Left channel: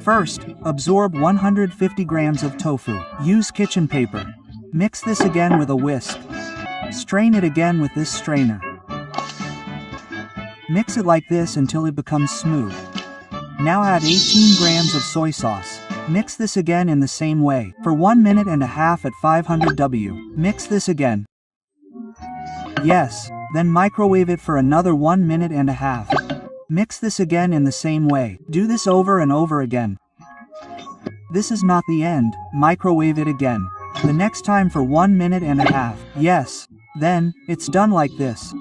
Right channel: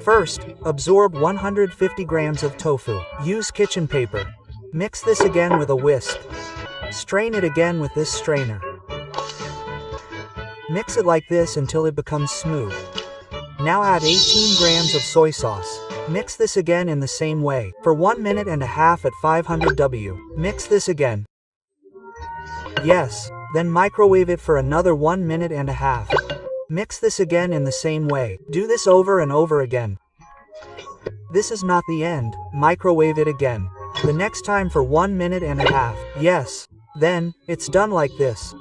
First, absorb 150 grams of tofu. Use kitchen paper. Mix this again with a whisk. Strain it again with this strainer. Mix it like this until it becomes smooth. Now add 18 grams of soy sauce. Mix this again in the same way, for 1 minute and a half at 500 W. Mix this again. Yes, then microwave it for another 1 minute and a half. Mix this again in the same way. Do this over and over again. This is not the end, microwave it again. The next time for 1 minute and a half. Yes. Then, it's done like this.